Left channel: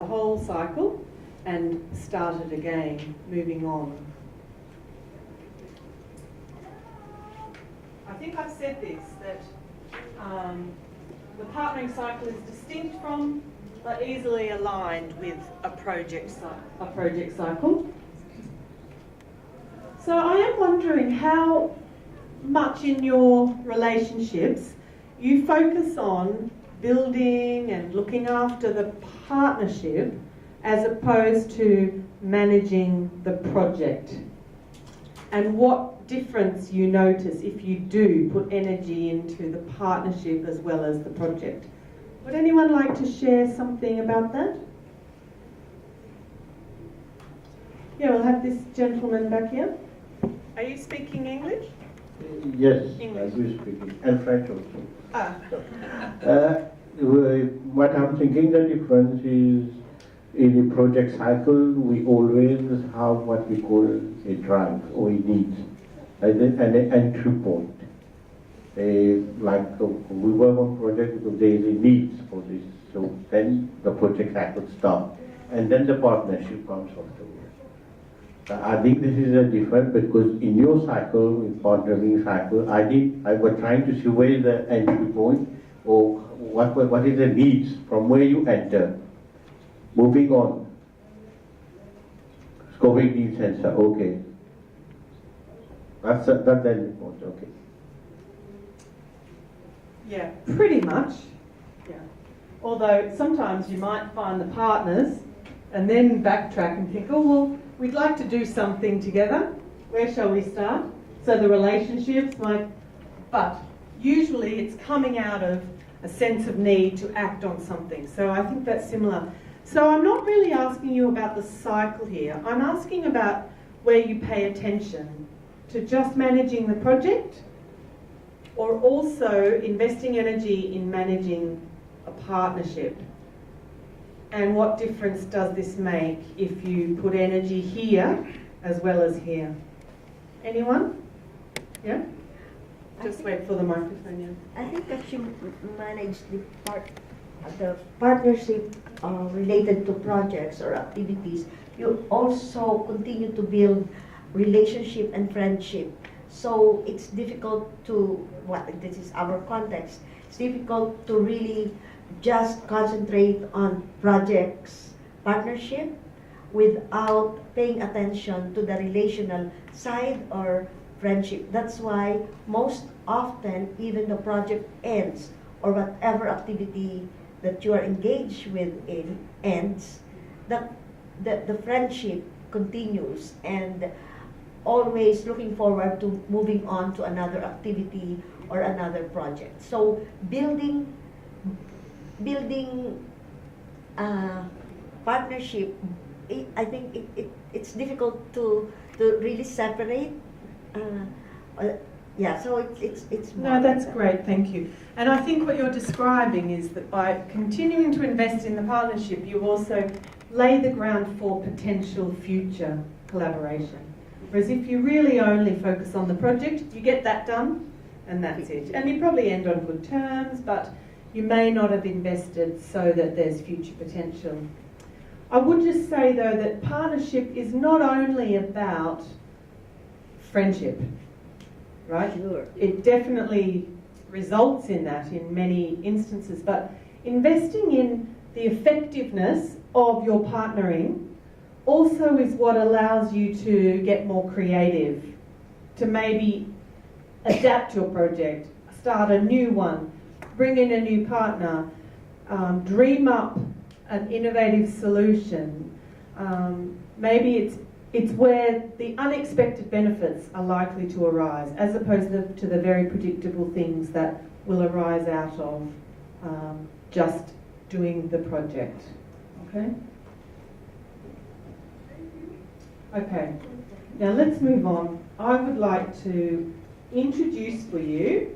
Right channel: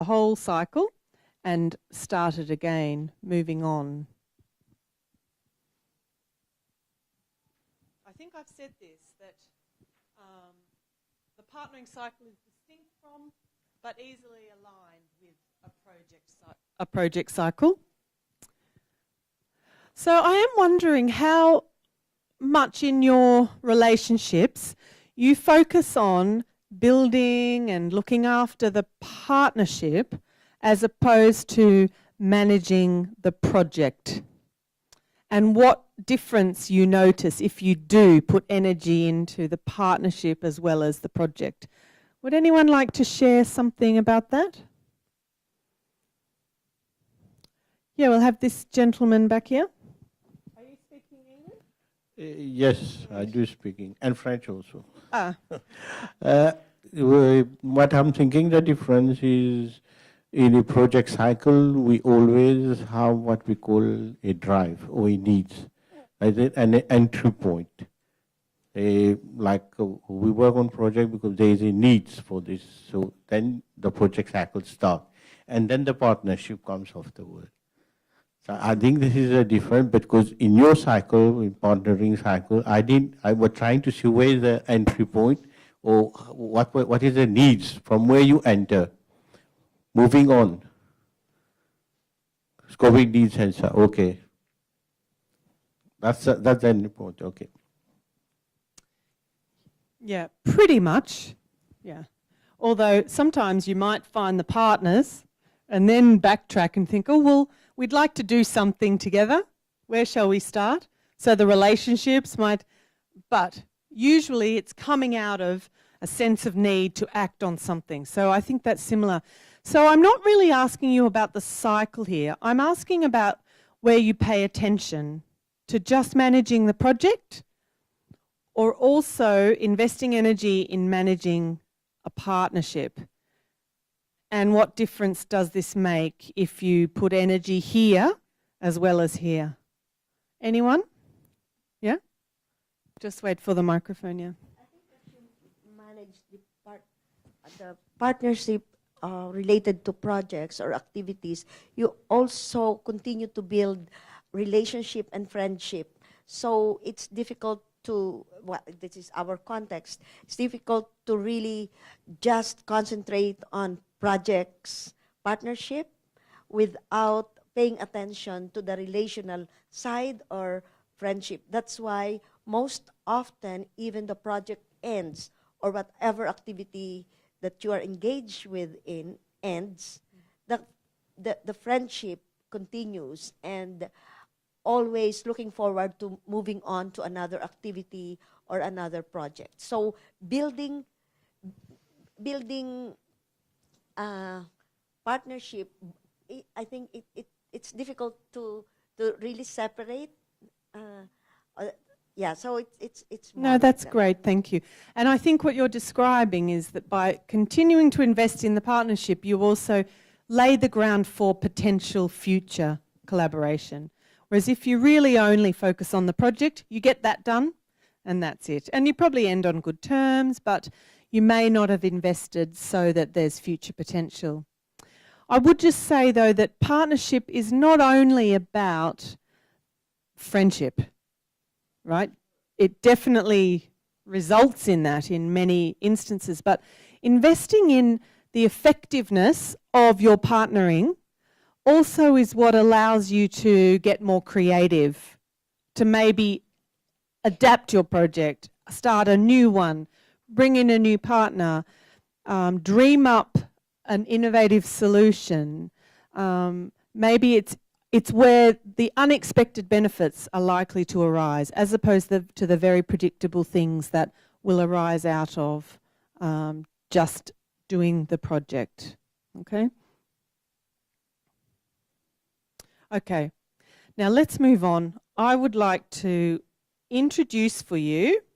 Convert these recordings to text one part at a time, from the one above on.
the whole cycle and start it again, moving on. I think I've said this, that the partnering cycle is distinct from but easily aligned with a project cycle. So I am wondering how much in your relationships you focus on building and looking after the partnership as opposed to managing the project, and what difference you notice if you do put energy into the partnership as well as the project. Would anyone like to share something about that? Yeah, we'll have this gentleman back here. Are you speaking English? Yes, English. I do speak it, and French also. Ah. What I'm thinking the difference is in a project cycle, we always have what we call a drive or a needs, and an entry point. We work on project because there is a needs for this, so then the project cycle starts, and then the partnership comes afterwards. I think this is a different, because in your cycle, in partnering cycle, I was trying to see where is the entry point, or what is the needs from where you enter. Moving on. Scoping needs sensor, okay. That's the entry point, okay. Yeah, pretty much. Yeah. Although sometimes you might find the partners and then backtrack and think, oh, well, we'd like to do something together. Where shall we start? So the relationships might, but usually it's coming out of a sense of need to act on something. So I think that's similar. So I'm not really asking you about the cycle here. I'm asking about where you pay attention to just managing the project, or also investing energy in managing a partnership. And what difference does this make if you put energy here as well as here? Anyone? Yeah? Just wait for the microphone, yeah. I think that you manage the partnership related to projects or activities, you also continue to build relationship and friendship. So it's difficult to, this is our context, it's difficult to really just concentrate on projects partnership without paying attention to the relational side or friendship. That's why most often even the project ends, or whatever activity that you are engaged with ends, the friendship continues, and always looking forward to moving on to another activity or another project. So building partnership, I think it's difficult to really separate. Yeah, so it's No, that's great, thank you. And I think what you're describing is that by continuing to invest in the partnership, you also lay the ground for potential future collaboration. Whereas if you really only focus on the project, you get that done and that's it. And you probably end on good terms, but you may not have invested so that there's future potential. I would just say though that partnership is not only about friendship, right? Sure. It definitely results in that in many instances, but investing in the effectiveness of your partnering also is what allows you to get more creative, to maybe adapt your project, start a new one, bring in a new partner, dream up an innovative solution. Maybe it's where the unexpected benefits are likely to arise, as opposed to the very predictable things that will arise out of just doing the project. Okay? Okay, now let's move on. I would like to introduce for you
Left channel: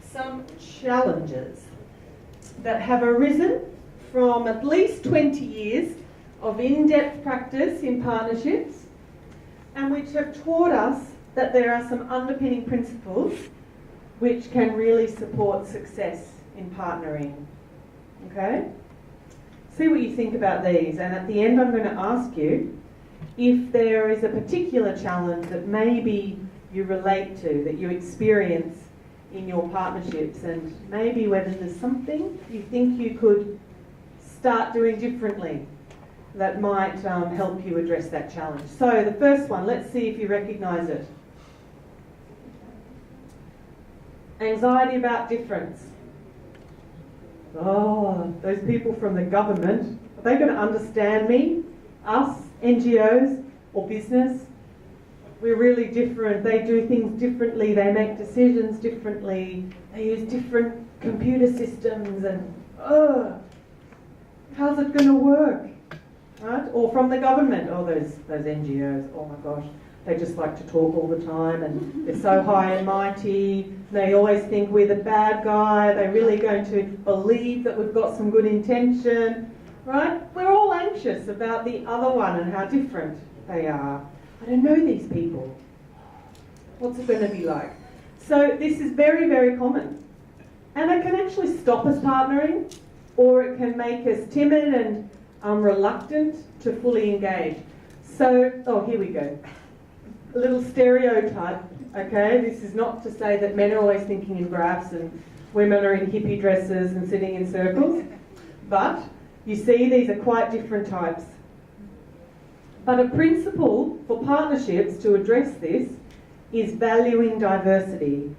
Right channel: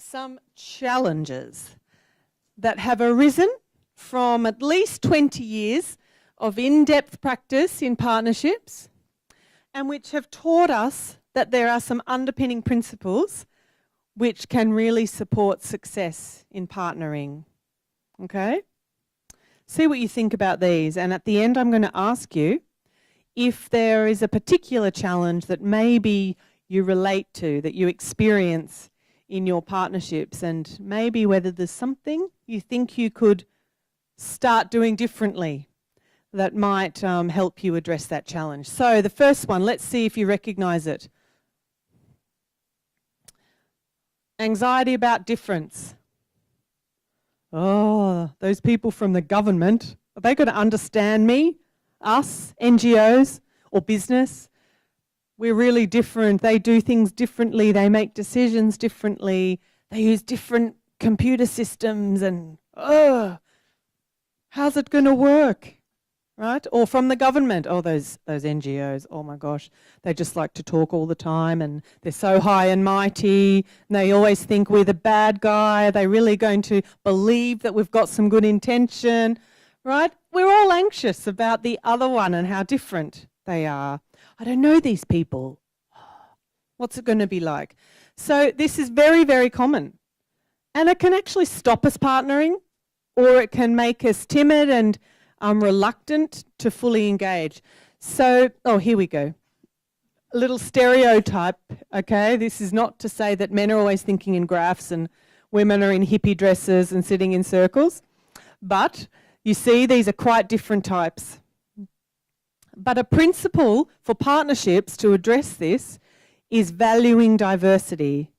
some challenges that have arisen from at least 20 years of in-depth practice in partnerships, and which have taught us that there are some underpinning principles which can really support success in partnering. Okay? See what you think about these, and at the end I'm going to ask you if there is a particular challenge that maybe you relate to, that you experience in your partnerships, and maybe whether there's something you think you could start doing differently that might help you address that challenge. So the first one, let's see if you recognise it. Anxiety about difference. Oh, those people from the government, are they going to understand me? Us, NGOs or business? We're really different. They do things differently. They make decisions differently. They use different computer systems and, how's it going to work? Right? Or from the government. Oh, those NGOs, oh my gosh. They just like to talk all the time and they're so high and mighty. They always think we're the bad guy. They're really going to believe that we've got some good intention, right? We're all anxious about the other one and how different they are. I don't know these people. What's it going to be like? So this is very, very common. And it can actually stop us partnering, or it can make us timid and reluctant to fully engage. So, oh, here we go. A little stereotype, okay? This is not to say that men are always thinking in graphs and women are in hippie dresses and sitting in circles. But you see, these are quite different types. But a principle for partnerships to address this is valuing diversity.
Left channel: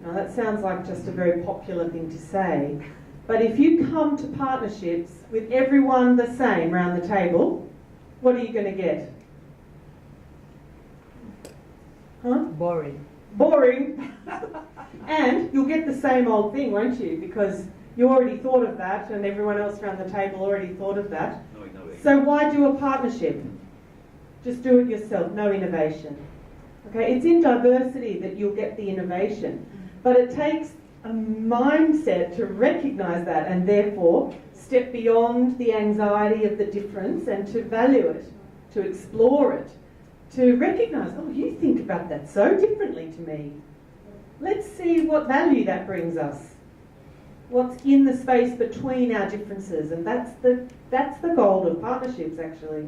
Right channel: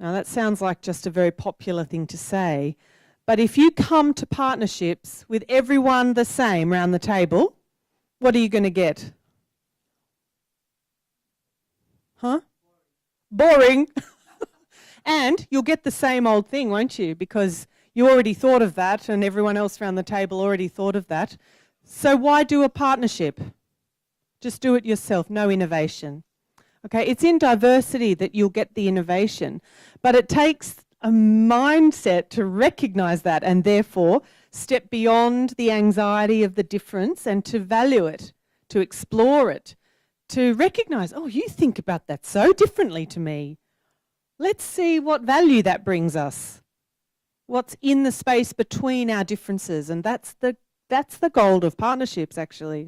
Now that sounds like just a very popular thing to say, but if you come to partnerships with everyone the same around the table, what are you going to get? Huh? Boring. Boring. And you'll get the same old thing, won't you? Because you already thought of that and everyone else around the table already thought of that. So why do a partnership? Just do it yourself, no innovation. Okay, it's in diversity that you'll get the innovation. But it takes a mindset to recognise that and therefore step beyond the anxiety of the difference and to value it, to explore it, to recognise, oh, you think about that so differently to me. Let's see what value that brings us. What's in the space between our differences, and that's the goal of partnerships actually.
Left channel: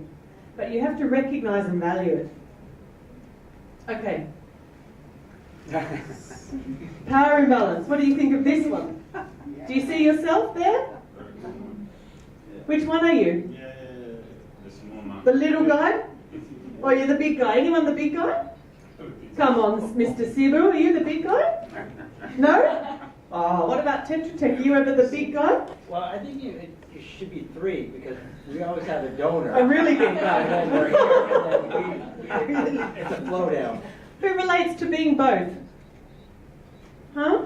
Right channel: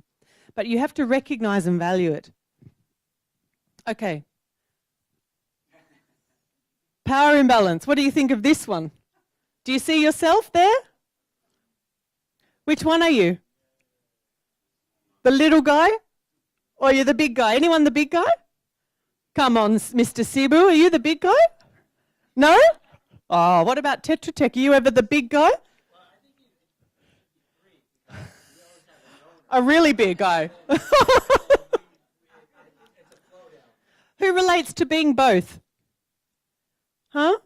But you have to recognise and value it. Okay. Power imbalance. What do you think of this one? Do you see yourself there? Which one are you? The little guy? Or you're the big guy? Anyone the big guy? Come on, Mr. Sibu, are you the big guy? No? Oh, what about Tetra Tech? Are you ever the big guy? Well, I think you should be 3 because we always have a donor. A really big guy. It's a flow down. Who relates to being both? Huh?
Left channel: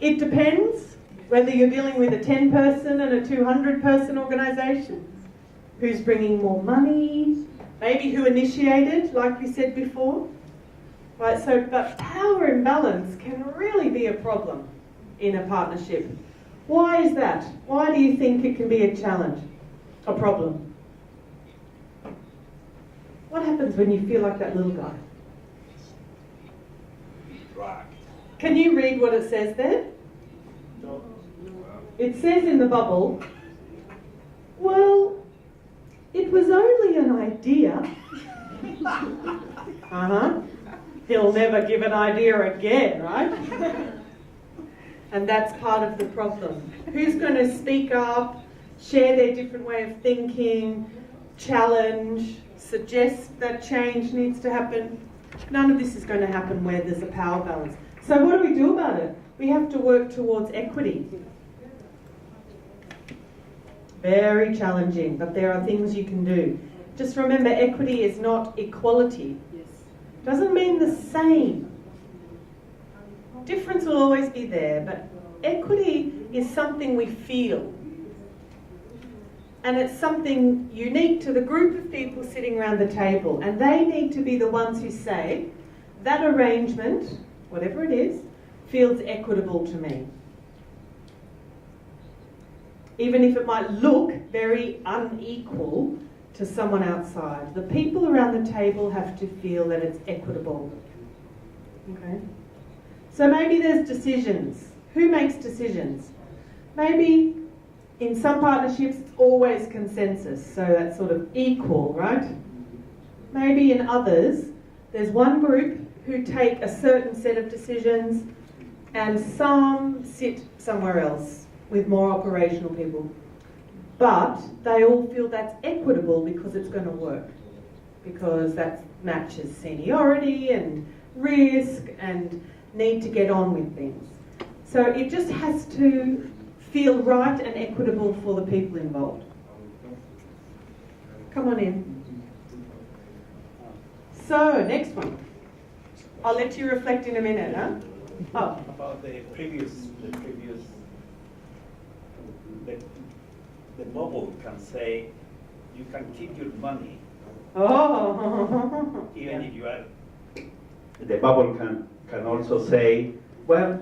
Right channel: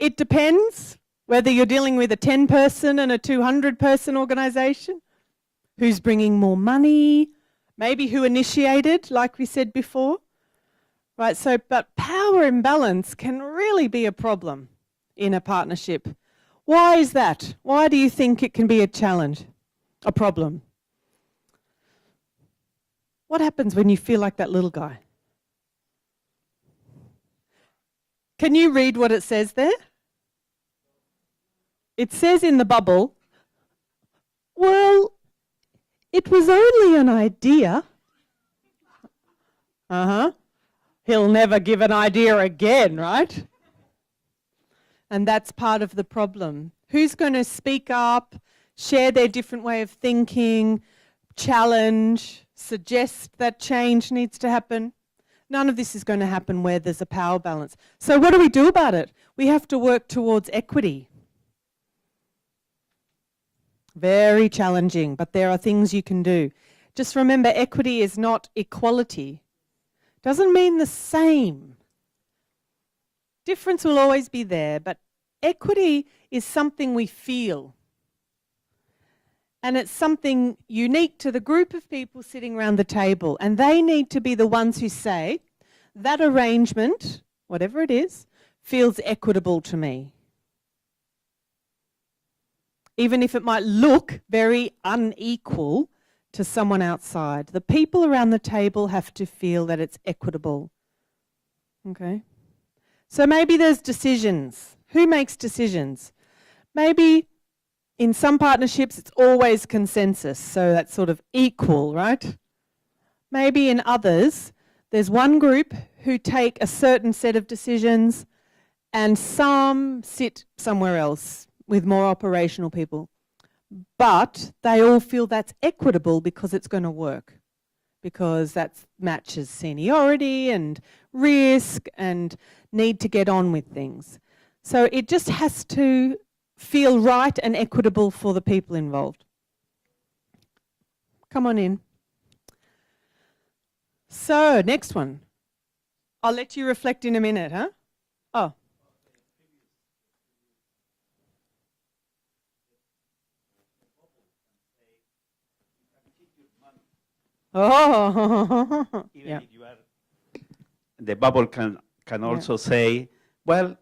It depends whether you're dealing with a 10-person and a 200-person organisation. Who's bringing more money? Maybe who initiated, like we said before. Right, so, but power imbalance can really be a problem in a partnership. Why is that? Why do you think it can be a challenge, a problem? What happens when you feel like that little guy? Can you read what it says there? It says in the bubble, well, it was only an idea. He'll never give an idea again, right? And that's part of the problem. Who's going to speak up, share their different way of thinking, challenge, suggest that change needs to happen? None of this is going to happen where there's a power balance. So what do we do about it? We have to work towards equity. Very challenging, but there are things you can do. Just remember, equity is not equality. Doesn't mean the same. Difference will always be there, but equity is something we feel. And it's something unique to the group of people sitting around the table. And they need to be the ones who say, that arrangement, whatever it is, feels equitable to me. Even if it might look very unequal to someone outside. The people around the table have to feel that it's equitable. Okay? So maybe there's decisions. Who makes decisions? Maybe In some partnerships, it's always consensus, so that's sort of equal, right? Maybe in others, there's one group who take a certain set of decisions and some sit somewhere else with more operational people. But they all feel that's equitable because it's going to work, because that matches seniority and risk and need to get on with things. So it just has to feel right and equitable for the people involved. Come on in. So, next one. I'll let you reflect in a minute, huh? Oh. About the bubble can say, you can keep your money, Oh. even Yeah. if you are. The bubble can also say, well,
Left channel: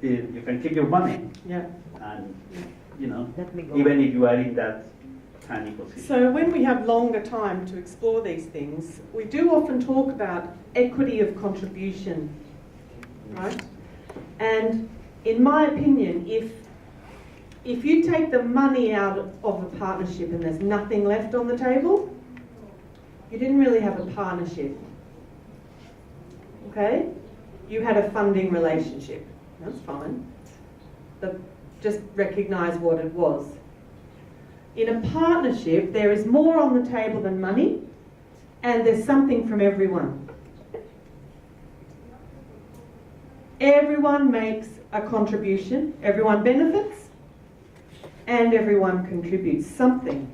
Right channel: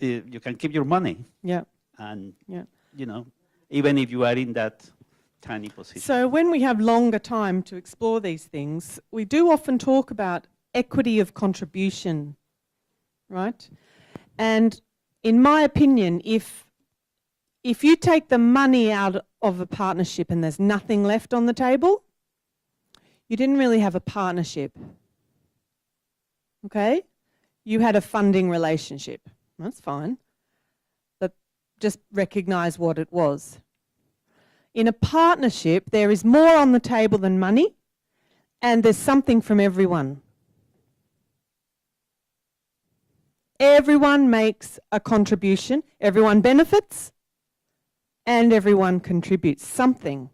you can keep your money, Yeah. and Yeah. you know, Let me go. even if you are in that tiny position. So when we have longer time to explore these things, we do often talk about equity of contribution, right? And in my opinion, if you take the money out of a partnership and there's nothing left on the table, you didn't really have a partnership, okay? You had a funding relationship. That's fine. But just recognise what it was. In a partnership, there is more on the table than money, and there's something from everyone. Everyone makes a contribution, everyone benefits, and everyone contributes something.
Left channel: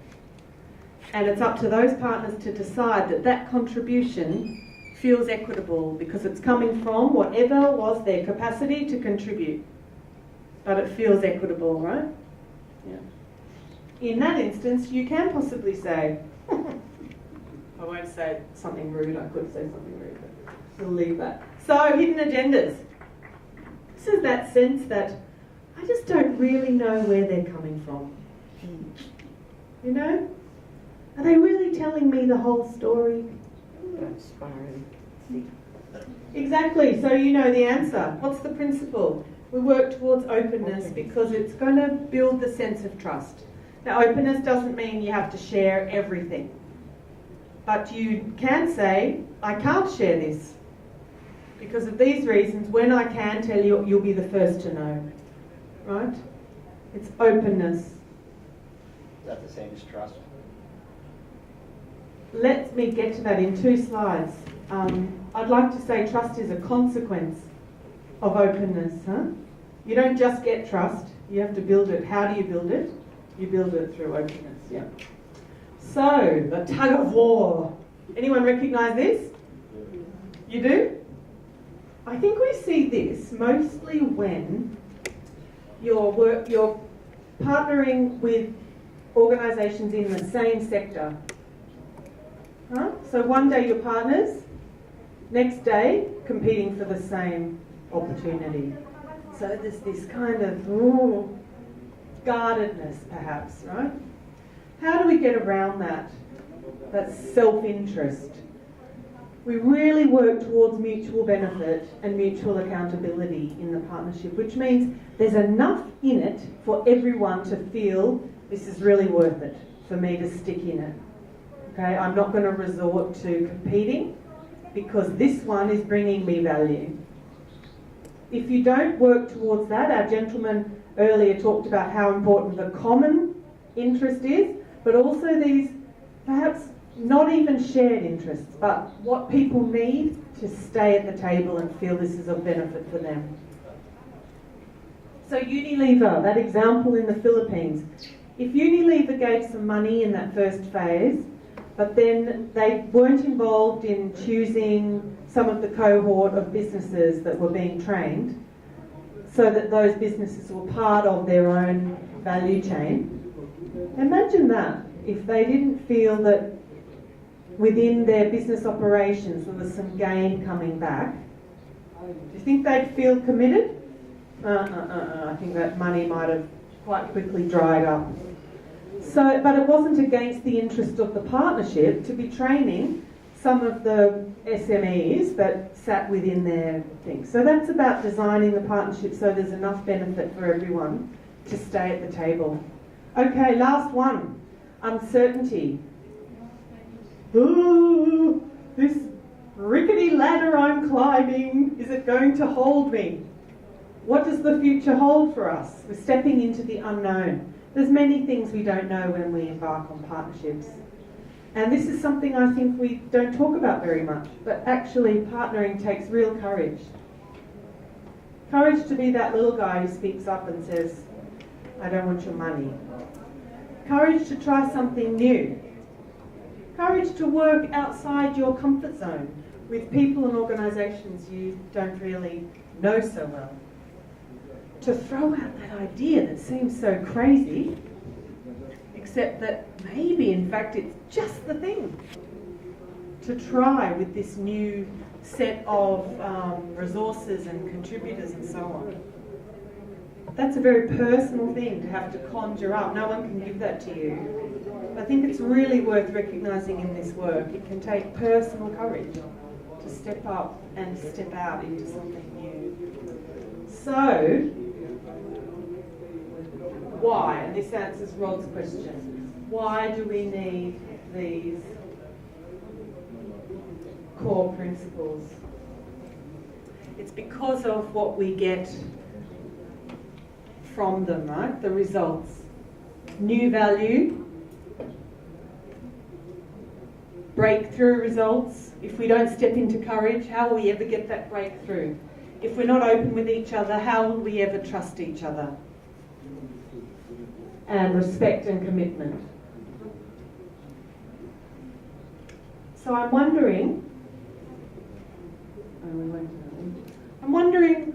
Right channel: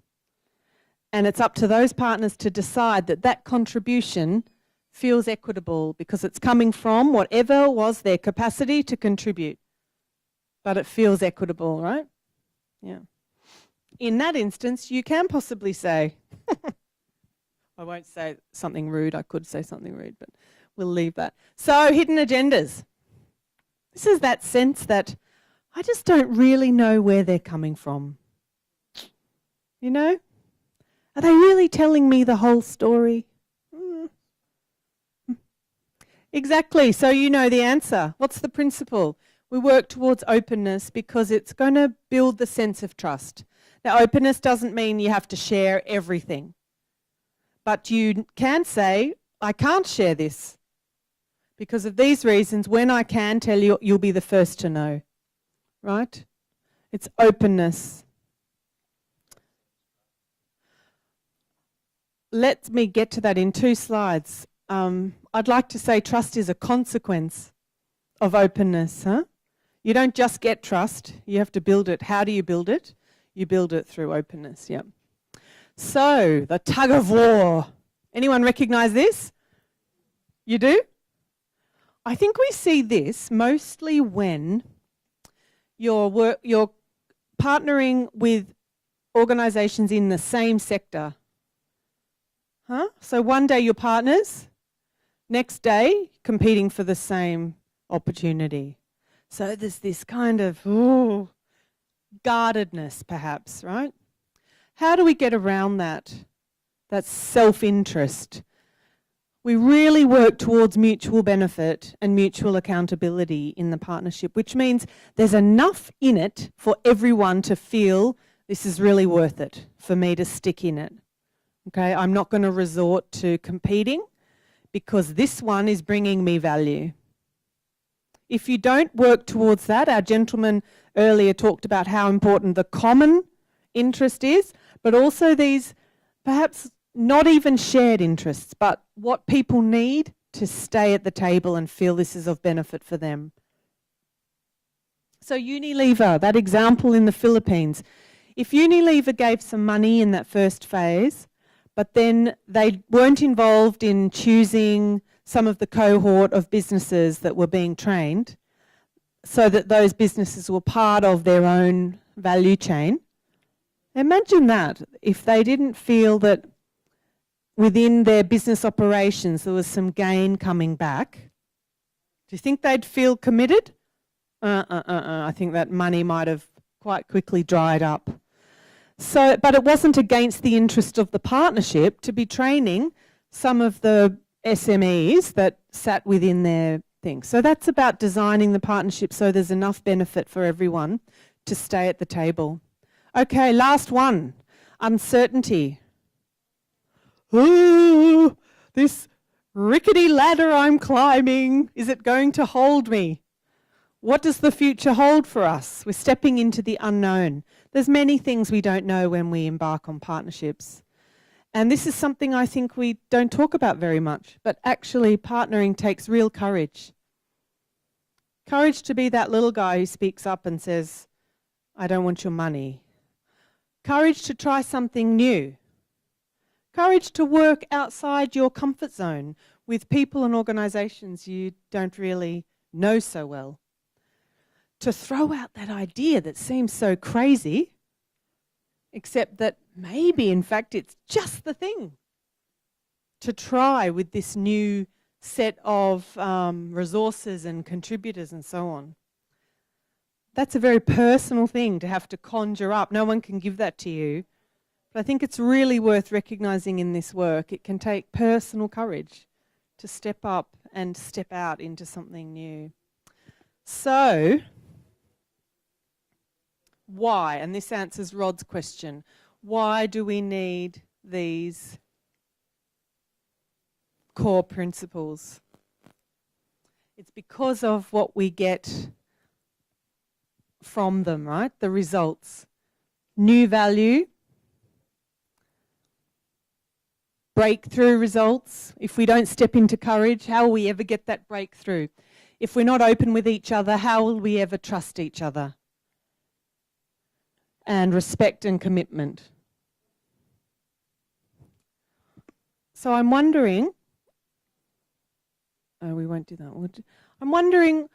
And it's up to those partners to decide that that contribution feels equitable because it's coming from whatever was their capacity to contribute. But it feels equitable, right? Yeah. In that instance, you can possibly say, I won't say something rude, I could say something rude, but we'll leave that. So, hidden agendas. This is that sense that I just don't really know where they're coming from. You know? Are they really telling me the whole story? Exactly, so you know the answer. What's the principle? We work towards openness because it's going to build the sense of trust. Now, openness doesn't mean you have to share everything. But you can say, I can't share this. Because of these reasons, when I can tell you, you'll be the first to know. Right? It's openness. Is that the same as trust? Let me get to that in 2 slides. I'd like to say trust is a consequence of openness. Huh? You don't just get trust, you have to build it. How do you build it? You build it through openness, yeah. So, the tug of war. Anyone recognise this? You do? I think we see this mostly when you're partnering with organisations in the same sector. Huh? So one day you're partners, next day competing for the same opportunity. So there's this kind of guardedness perhaps, right? How do we get around that? That's self-interest. We really work towards mutual benefit and mutual accountability in the partnership, which means there's enough in it for everyone to feel this is really worth it for me to stick in it. Okay, I'm not going to resort to competing because this one is bringing me value. If you don't work towards that, our gentleman earlier talked about how important the common interest is, but also these perhaps not even shared interests, but what people need to stay at the table and feel this is of benefit for them. So Unilever, that example in the Philippines. If Unilever gave some money in that first phase, but then they weren't involved in choosing some of the cohort of businesses that were being trained, so that those businesses were part of their own value chain, imagine that, if they didn't feel that within their business operations there was some gain coming back, do you think they'd feel committed? I think that money might have quite quickly dried up. So, but it wasn't against the interest of the partnership to be training some of the SMEs that sat within their thing. So that's about designing the partnership so there's enough benefit for everyone to stay at the table. Okay, last one. Uncertainty. Ooh, this rickety ladder I'm climbing, is it going to hold me? What does the future hold for us? We're stepping into the unknown. There's many things we don't know when we embark on partnerships. And this is something I think we don't talk about very much, but actually partnering takes real courage. Courage to be that little guy who speaks up and says, I don't want your money. Courage to try something new. Courage to work outside your comfort zone with people and organisations you don't really know so well. To throw out that idea that seems so crazy, except that maybe in fact it's just the thing. To try with this new set of resources and contributors and so on. That's a very personal thing to have to conjure up. No one can give that to you. But I think it's really worth recognising in this work. It can take personal courage to step up and step out into something new. So, why? And this answers Rod's question. Why do we need these core principles? It's because of what we get from them, right? The results. New value, breakthrough results. If we don't step into courage, how will we ever get that breakthrough? If we're not open with each other, how will we ever trust each other? And respect and commitment. So I'm wondering, we won't do that. I'm wondering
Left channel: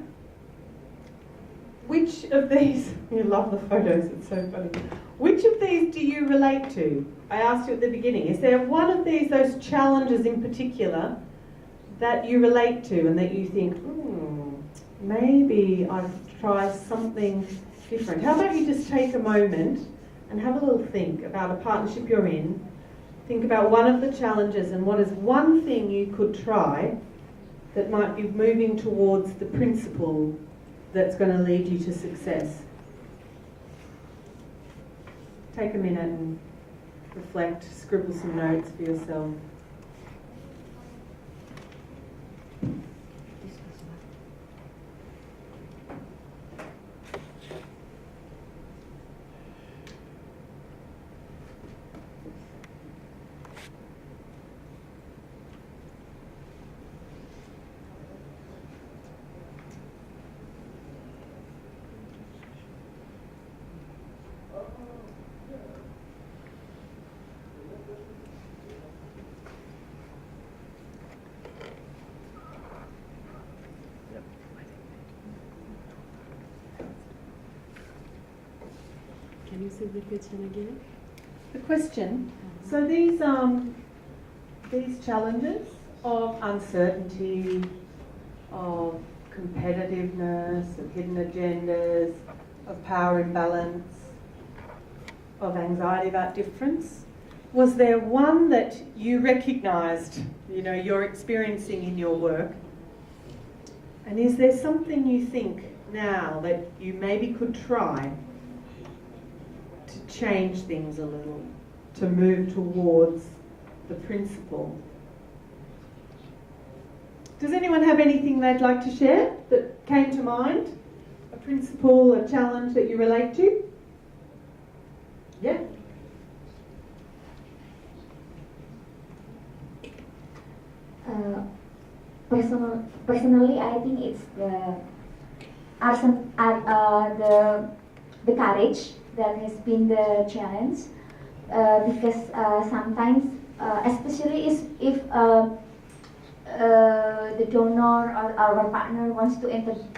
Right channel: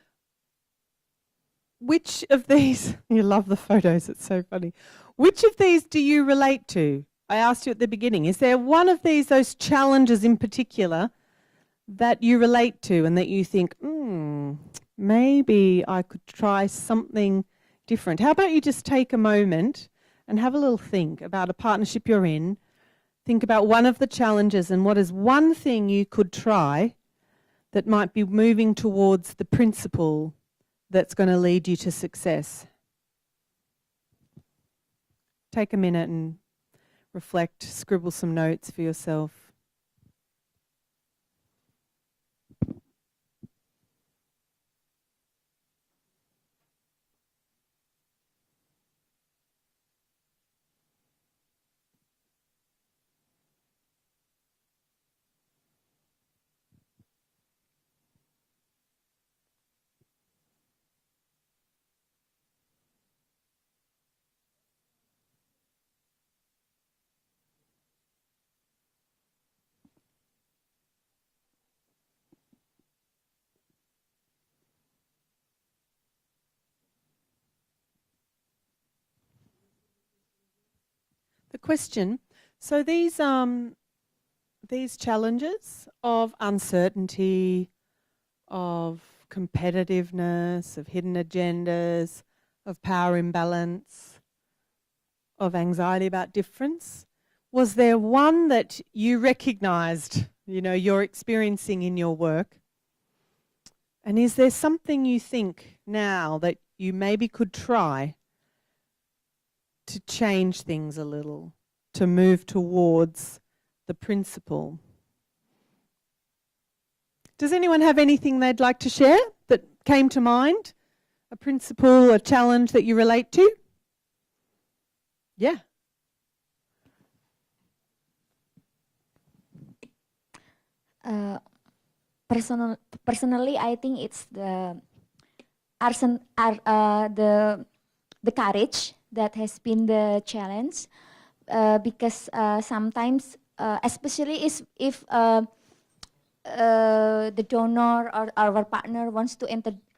which of these, you love the photos, it's so funny. Which of these do you relate to? I asked you at the beginning, is there one of these, those challenges in particular, that you relate to and that you think, maybe I could try something different? How about you just take a moment and have a little think about a partnership you're in. Think about one of the challenges and what is one thing you could try that might be moving towards the principle that's going to lead you to success. Take a minute and reflect, scribble some notes for yourself. Can you say the question again? The question, so these challenges of uncertainty, of competitiveness, of hidden agendas, of power imbalance, of anxiety about difference, was there one that you recognised, you're experiencing in your work? And is there something you think now that you maybe could try to change things a little, to move towards the principle? Does anyone have anything they'd like to share that came to mind? A principle, a challenge that you relate to? Yeah? Personally, I think it's the courage that has been the challenge, because sometimes, especially if the donor or our partner wants to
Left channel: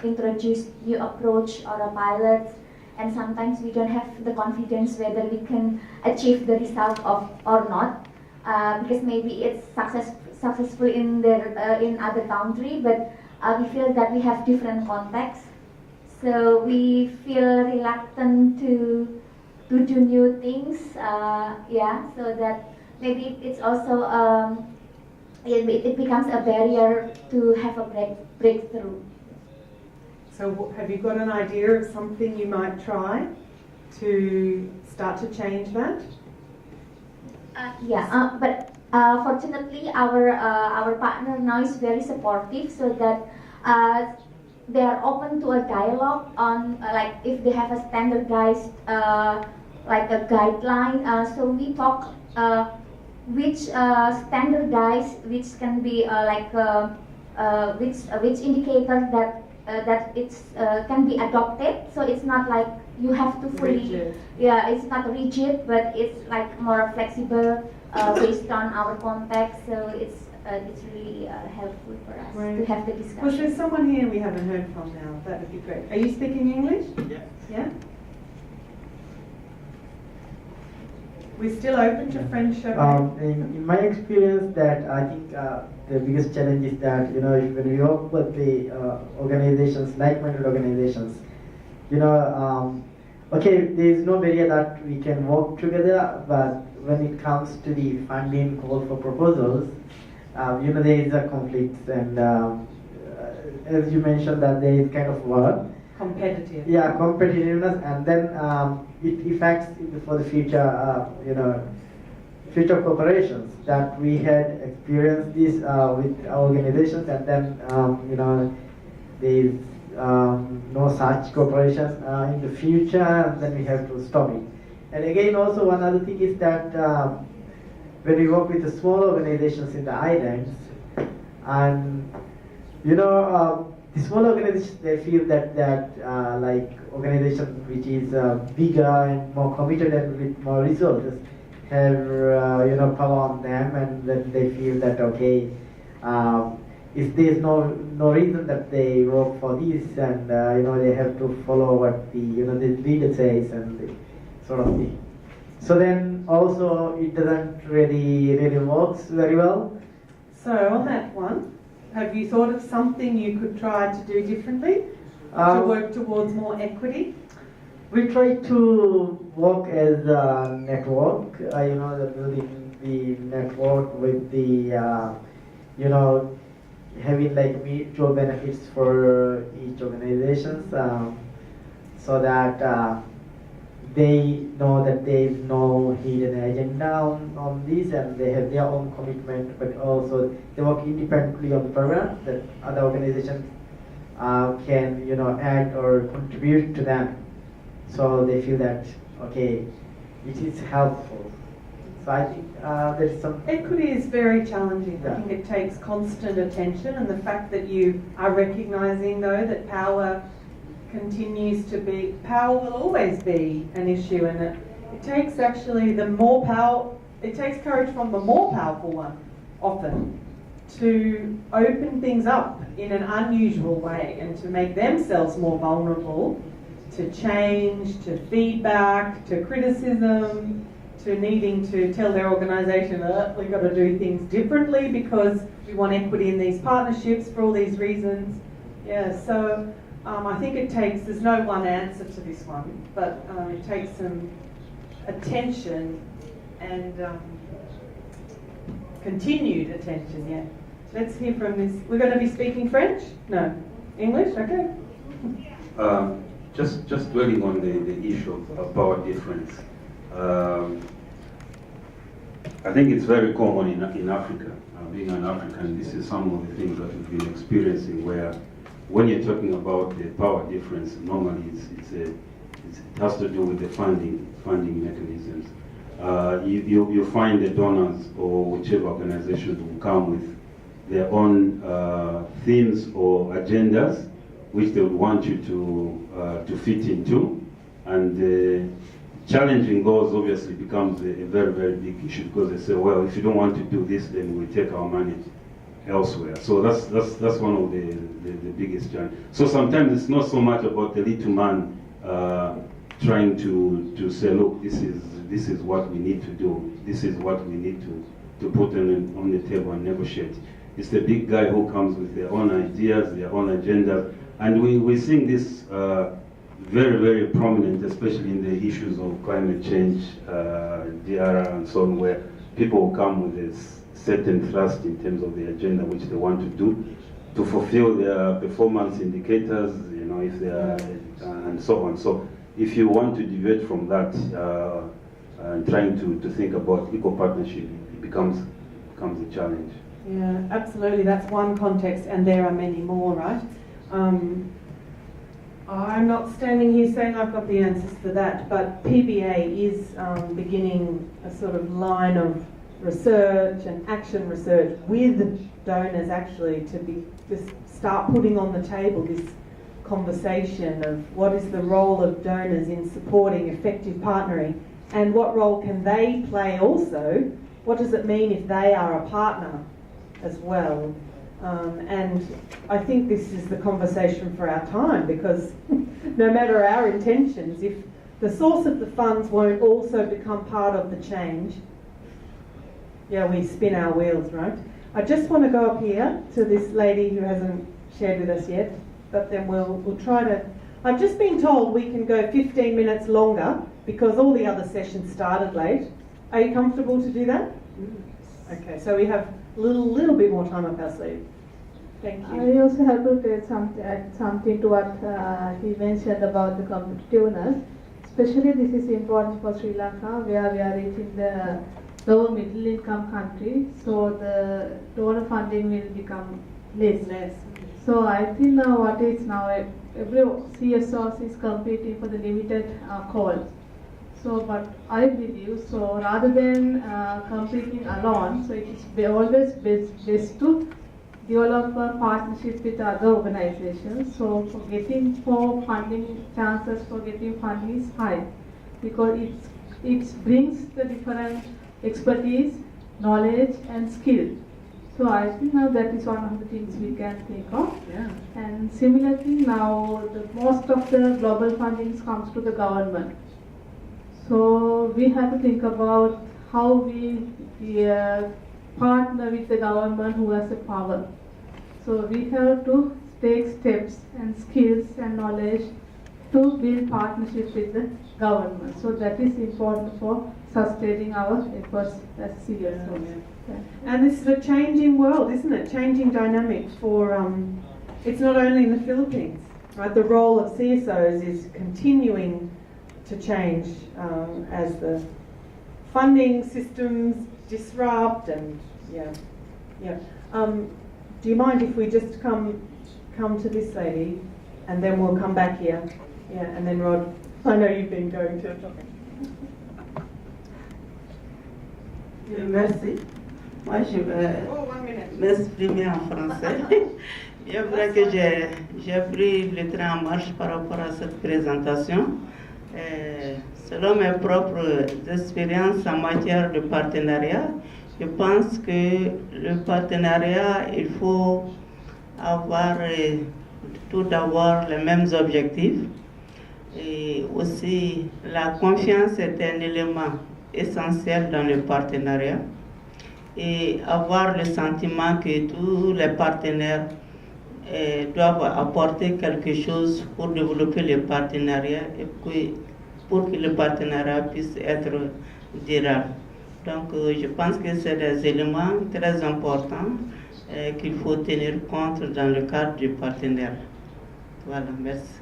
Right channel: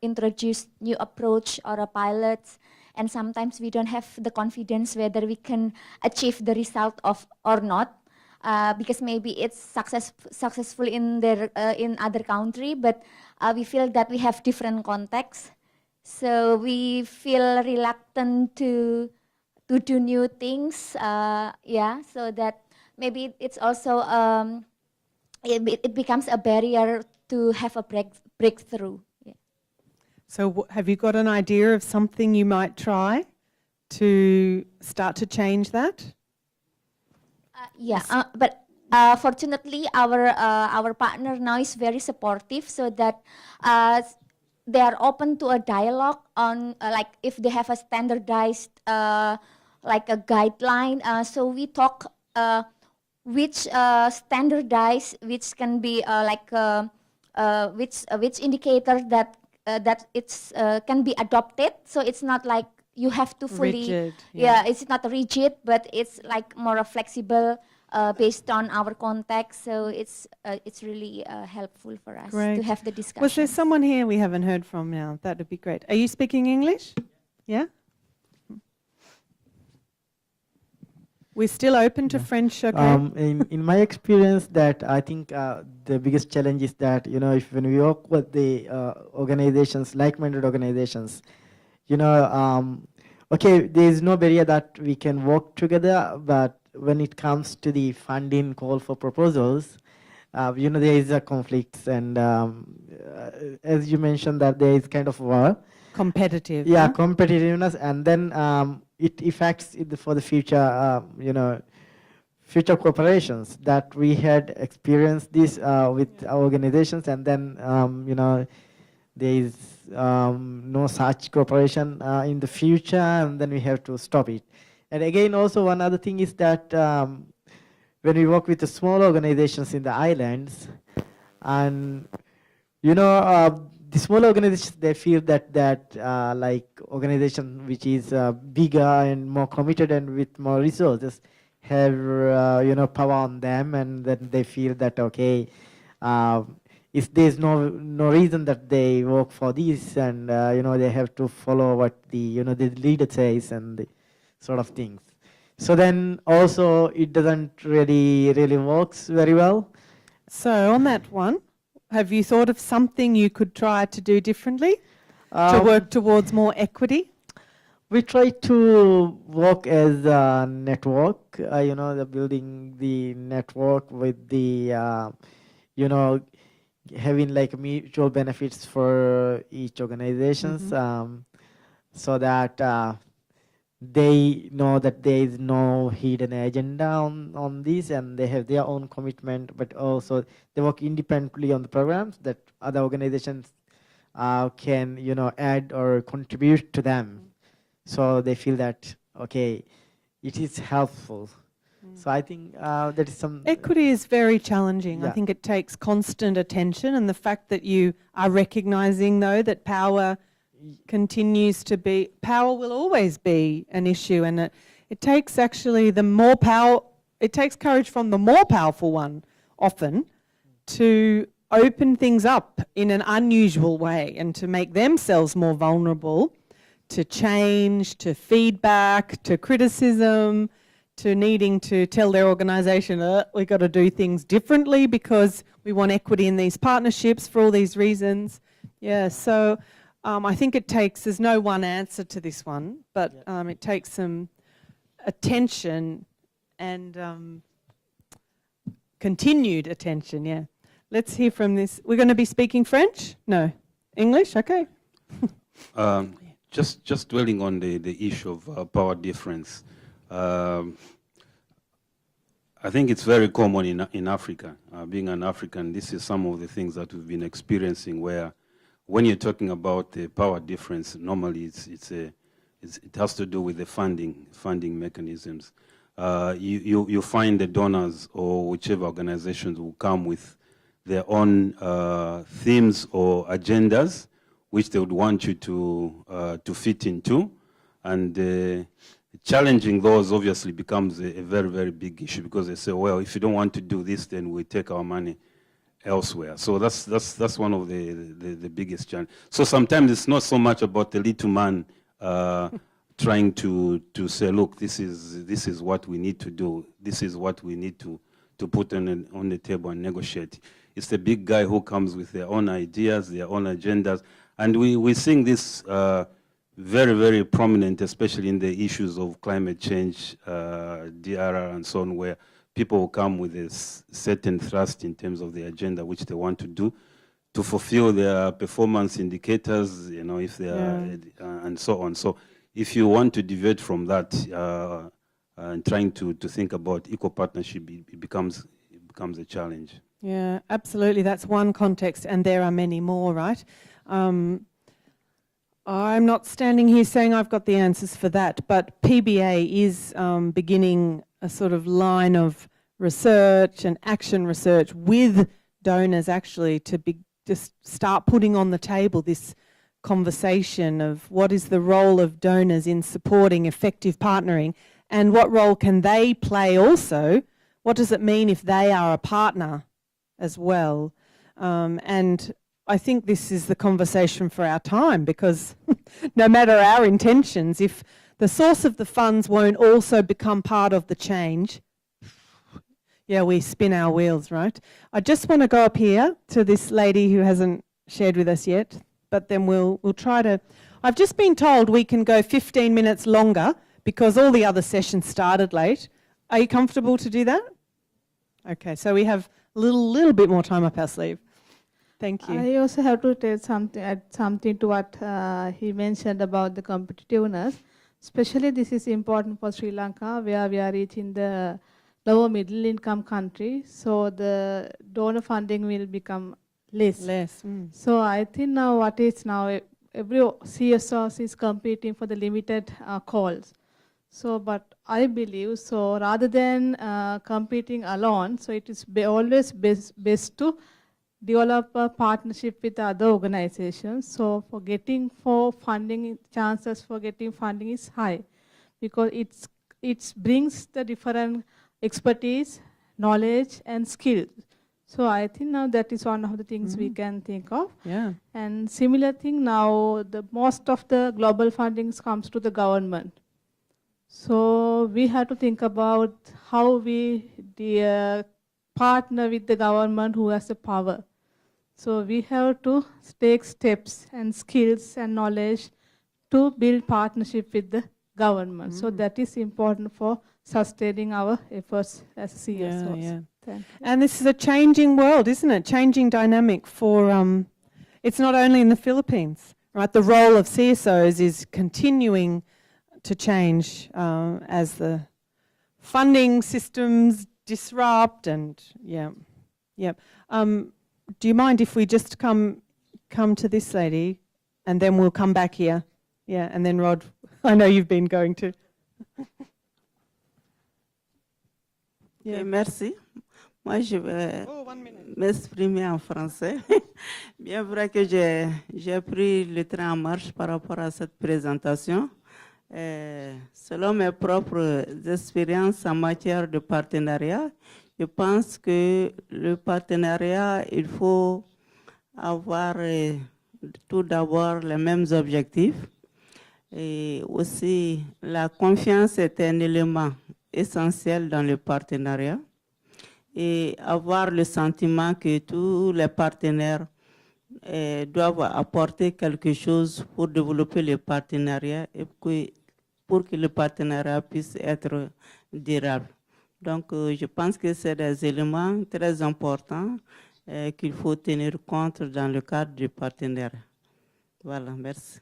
introduce new approach or a pilot, and sometimes we don't have the confidence whether we can achieve the result or not, because maybe it's successful in other country, but we feel that we have different contexts, so we feel reluctant to do new things. So that maybe it's also it becomes a barrier to have a breakthrough. So have you got an idea of something you might try to start to change that? But fortunately, our partner now is very supportive, so that they are open to a dialogue on like if they have a standardized like a guideline. So we talk which standardized, which can be which indicators that it's can be adopted. So it's not like you have to fully. Rigid. Yeah, it's not rigid, but it's like more flexible based on our context. So it's really helpful for us Great. to have the discussion. Was there someone here we haven't heard from now? That would be great. Are you speaking English? Yeah. Yeah? We're still open to French, okay? In my experience, that I think the biggest challenge is that when we work with the organizations, like-minded organizations, okay, there is no barrier that we can work together, but when it comes to the funding call for proposals, there is a conflict, and as you mentioned, that there is kind of war. Competitive. Yeah, competitiveness, and then it affects for the future, future corporations. That we had experienced this with our organizations, and then there is no such cooperation in the future, and then we have to stop it. And again, also one other thing is that when we work with the small organizations in the islands, and the small organizations, they feel that like organization which is bigger and more committed and with more resources have power on them, and then they feel that okay, if there's no reason that they work for this, and they have to follow what the the leader says and the sort of thing. So then also it doesn't really works very well. So on that one, have you thought of something you could try to do differently to work towards more equity? We try to work as a network, the building the network with the, having like mutual benefits for each organizations, so that they know that there is no hidden agenda on this, and they have their own commitment, but also they work independently on the programs that other organizations can add or contribute to them. So they feel that, okay, it is helpful. So I think there is some... Equity is very challenging. Yeah. I think it takes constant attention, and the fact that you are recognising, though, that power continues to be... Power will always be an issue, and it takes actually the more power... It takes courage from the more powerful one, often, to open things up in an unusual way and to make themselves more vulnerable to change, to feedback, to criticism, to needing to tell their organisation that we've got to do things differently because we want equity in these partnerships for all these reasons. Yeah, so I think it takes, there's no one answer to this one, but it takes some attention and continued attention, yeah. Let's hear from this. We're going to be speaking French? No. English? Okay. Just dwelling on the issue of power difference. I think it's very common in Africa. Being an African, this is some of the things that we've been experiencing, where when you're talking about the power difference, normally it has to do with the funding mechanisms. You find the donors or whichever organizations will come with their own themes or agendas, which they would want you to fit into, and challenging those obviously becomes a very, very big issue, because they say, well, if you don't want to do this, then we take our money elsewhere. So that's one of the biggest challenges. So sometimes it's not so much about the little man trying to say, look, this is what we need to do. This is what we need to put on the table and negotiate. It's the big guy who comes with their own ideas, their own agendas. And we're seeing this very, very prominent, especially in the issues of climate change, DRR and so on, where people will come with a certain thrust in terms of the agenda which they want to do to fulfill their performance indicators, if they are, and so on. So if you want to deviate from that and trying to think about eco-partnership, it becomes a challenge. Yeah, absolutely. That's one context, and there are many more, right? I'm not standing here saying I've got the answers for that, but PBA is beginning a sort of line of research and action research with donors actually to just start putting on the table this conversation of what is the role of donors in supporting effective partnering, and what role can they play also. What does it mean if they are a partner as well? And I think this is the conversation for our time, because no matter our intentions, if the source of the funds won't also become part of the change, yeah, we spin our wheels, right? I just want to go up here to this lady who hasn't shared with us yet, but then we'll try to... I've just been told we can go 15 minutes longer because all the other sessions started late. Are you comfortable to do that? Okay, so we have a little bit more time up our sleeve. Thank you. I also have to add something to what he mentioned about the competitiveness. Especially this is important for Sri Lanka, where we are reaching the lower middle income country, so the donor funding will become less. So I think now what is now, every CSOs is competing for the limited calls. So, but I believe, so rather than competing alone, so it is always best to develop a partnership with other organizations. So for funding, chances for getting funding is high, because it brings the different expertise, knowledge and skill. So I think now that is one of the things we can think of. Yeah. And similar thing now, most of the global fundings comes to the government. So we have to think about how we partner with the government who has the power. So we have to take steps and skills and knowledge to build partnership with the government. So that is important for sustaining our efforts as CSOs. Yeah. And this is a changing world, isn't it? Changing dynamic for, it's not only in the Philippines, right? The role of CSOs is continuing to change as the funding systems disrupt, and yeah. Do you mind if we just come to this lady, and then we'll come back here? Yeah, and then Rod, I know you've been going to. Merci. Moi, je vais m'exprimer en français. Bien vrai que j'ai pris le train en marche par rapport à cette présentation. Selon mes propres expériences en matière de partenariat, je pense que le partenariat, il faut avoir tout d'abord les mêmes objectifs. Et aussi, la confiance est un élément essentiel dans le partenariat. Et avoir le sentiment que tous les partenaires doivent apporter quelque chose pour développer le partenariat et puis pour que le partenariat puisse être durable. Donc je pense que c'est des éléments très importants qu'il faut tenir compte dans le cadre du partenariat. Voilà, merci.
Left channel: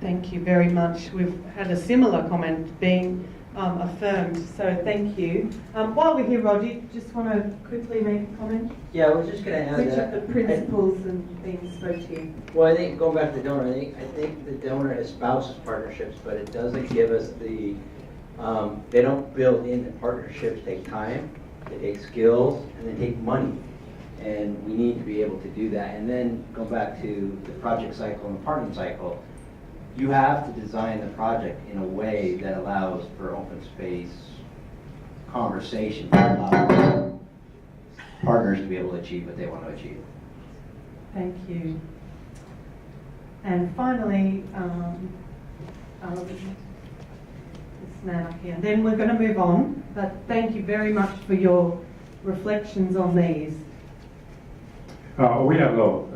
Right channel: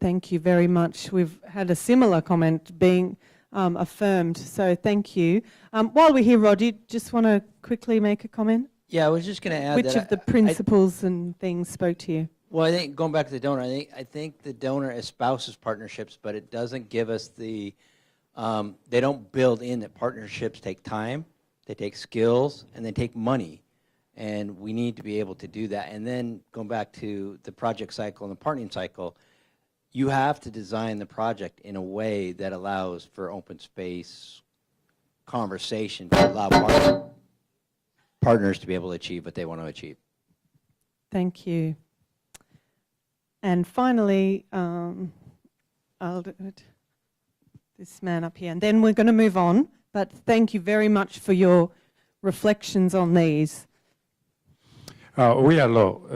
Thank you very much. We've had a similar comment being affirmed, so thank you. While we're here, Rod, do you just want to quickly make a comment? Yeah, I was just going to add Which that of the principles and things spoke to you? Well, I think going back to the donor, I think the donor espouses partnerships, but it doesn't give us the, they don't build in that partnerships take time, they take skills, and they take money. And we need to be able to do that. And then go back to the project cycle and the partnering cycle. You have to design the project in a way that allows for open space conversation, to allow partners to be able to achieve what they want to achieve. Thank you. And finally, this man up here. And then we're going to move on, but thank you very much for your reflections on these. Oui, alors,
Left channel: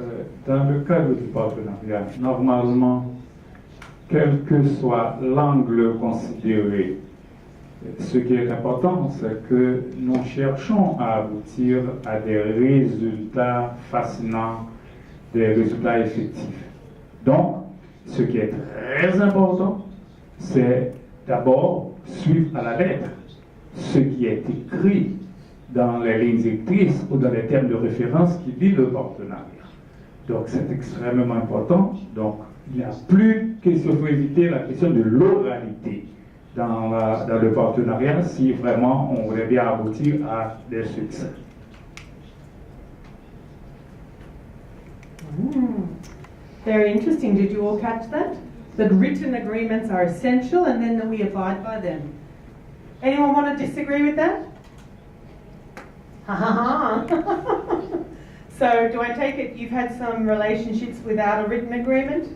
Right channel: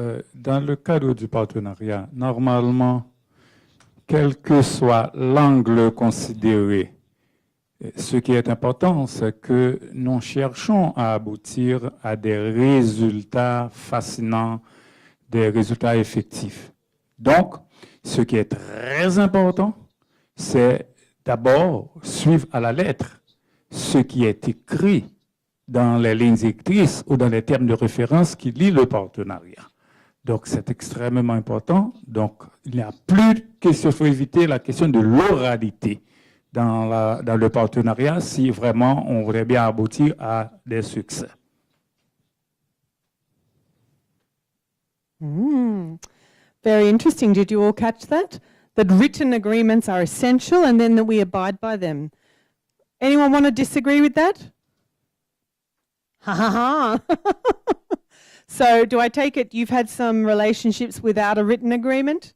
dans le cadre du partenariat, normalement, quel que soit l'angle considéré, ce qui est important, c'est que nous cherchons à aboutir à des résultats fascinants, des résultats effectifs. Donc, Ce qui est très important, c'est d'abord suivre à la lettre ce qui est écrit dans les lignes directrices ou dans les termes de référence qui lient le partenariat. Donc c'est extrêmement important. Donc il n'y a plus de question, il faut éviter la question de l'oralité dans le partenariat si vraiment on voudrait bien aboutir à des succès. Very interesting. Did you all catch that? That written agreements are essential and then that we abide by them. Anyone want to disagree with that? Ha ha ha. So do I take it you've had some relationships without a written agreement?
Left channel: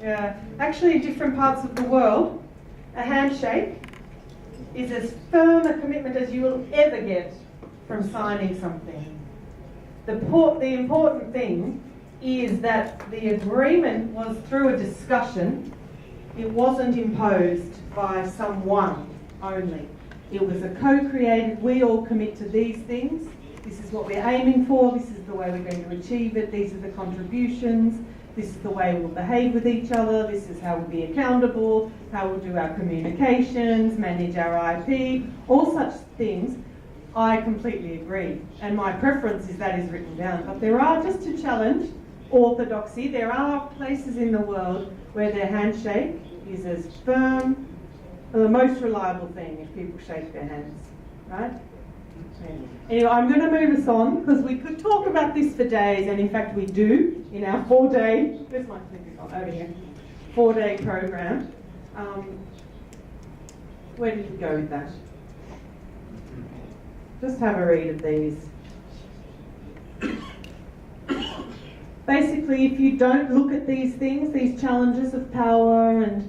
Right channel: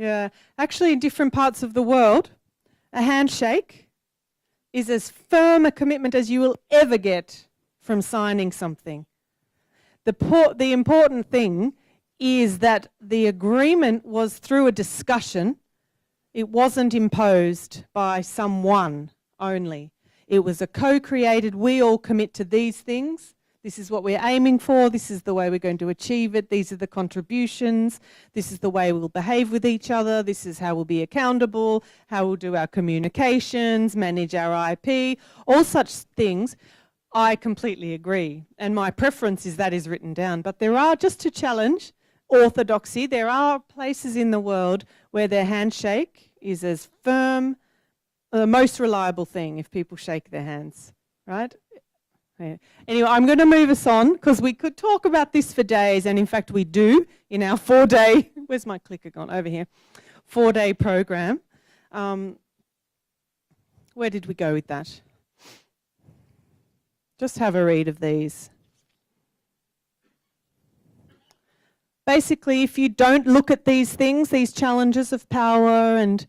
Yeah. Actually, in different parts of the world, a handshake is as firm a commitment as you will ever get from signing something. The important thing is that the agreement was through a discussion. It wasn't imposed by someone only. It was a co-created, we all commit to these things. This is what we're aiming for. This is the way we're going to achieve it. These are the contributions. This is the way we'll behave with each other. This is how we'll be accountable, how we'll do our communications, manage our IP, all such things. I completely agree. And my preference is that is written down. But there are, just to challenge orthodoxy, there are places in the world where their handshake is as firm, the most reliable thing if people shake their hands, right? Yeah. Anyway, I'm going to move us on because we could talk about this for days, and in fact we do in our 4-day, where's my clicker gone? Over here. 4-day program. Where did we go with that? Just have a read of these. Basically, if you don't look at these things, these challenges of power and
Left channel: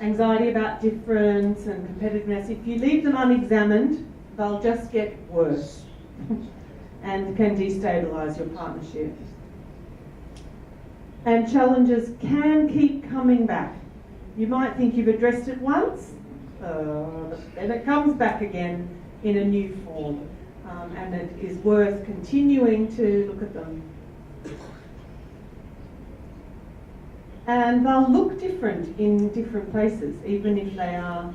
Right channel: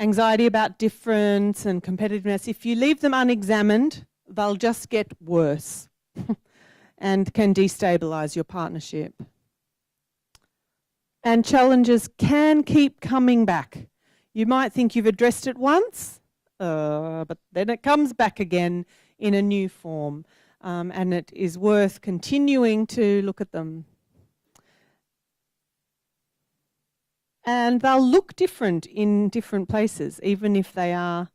anxiety about difference and competitiveness, if you leave them unexamined, they'll just get worse and can destabilise your partnership. And challenges can keep coming back. You might think you've addressed it once, but then it comes back again in a new form, and it is worth continuing to look at them. And they'll look different in different places, even if they are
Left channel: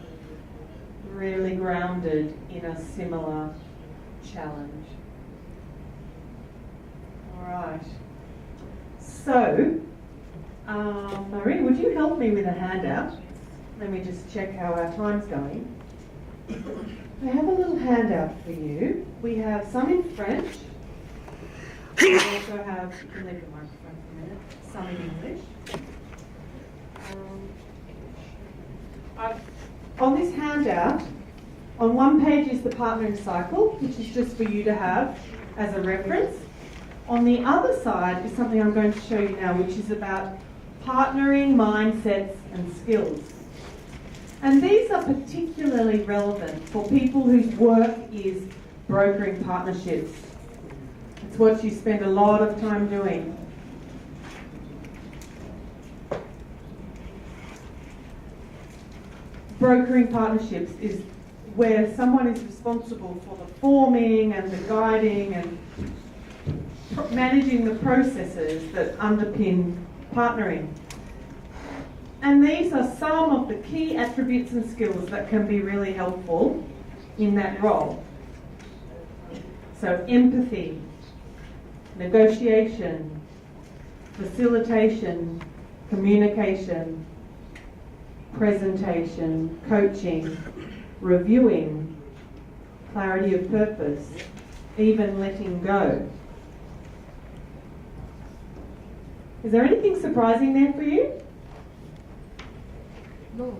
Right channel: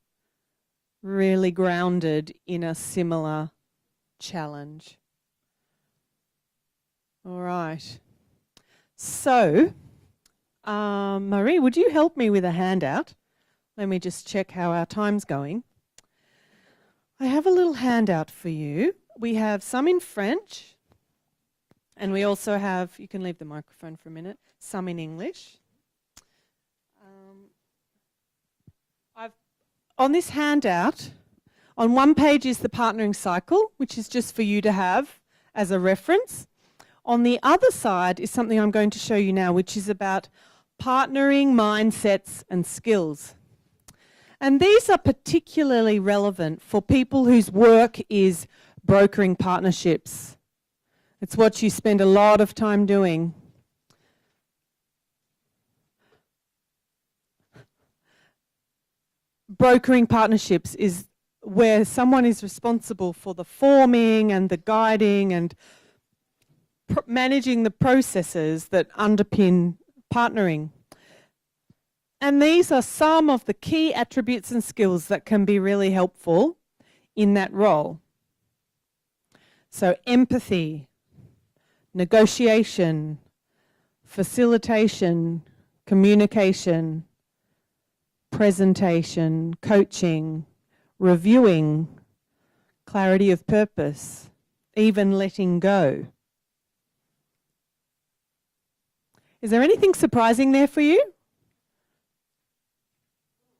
really grounded in a similar challenge. All right. So, Marie, would you help me with a handout? Let me just check how our time's going. I have a little handout for you. We have some in French. We also have, you can leave the microphone for a minute, some in English. On this handout, on one page is the partnering cycle, which is just for you to have as a reference. On the other side is something I'm going to show you now, which is about partnering mindsets and skills. And these are particularly relevant for people whose work is brokering partnerships. It's what you spend a lot of time doing. Brokering partnerships is where someone is responsible for the forming and the guiding and managing the processes that underpin partnering. And these are some of the key attributes and skills that can be really helpful in that role. So empathy, negotiation, facilitation, communication, presentation, coaching, reviewing, clarity of purpose, even letting go. Is there anything surprising there for you? No,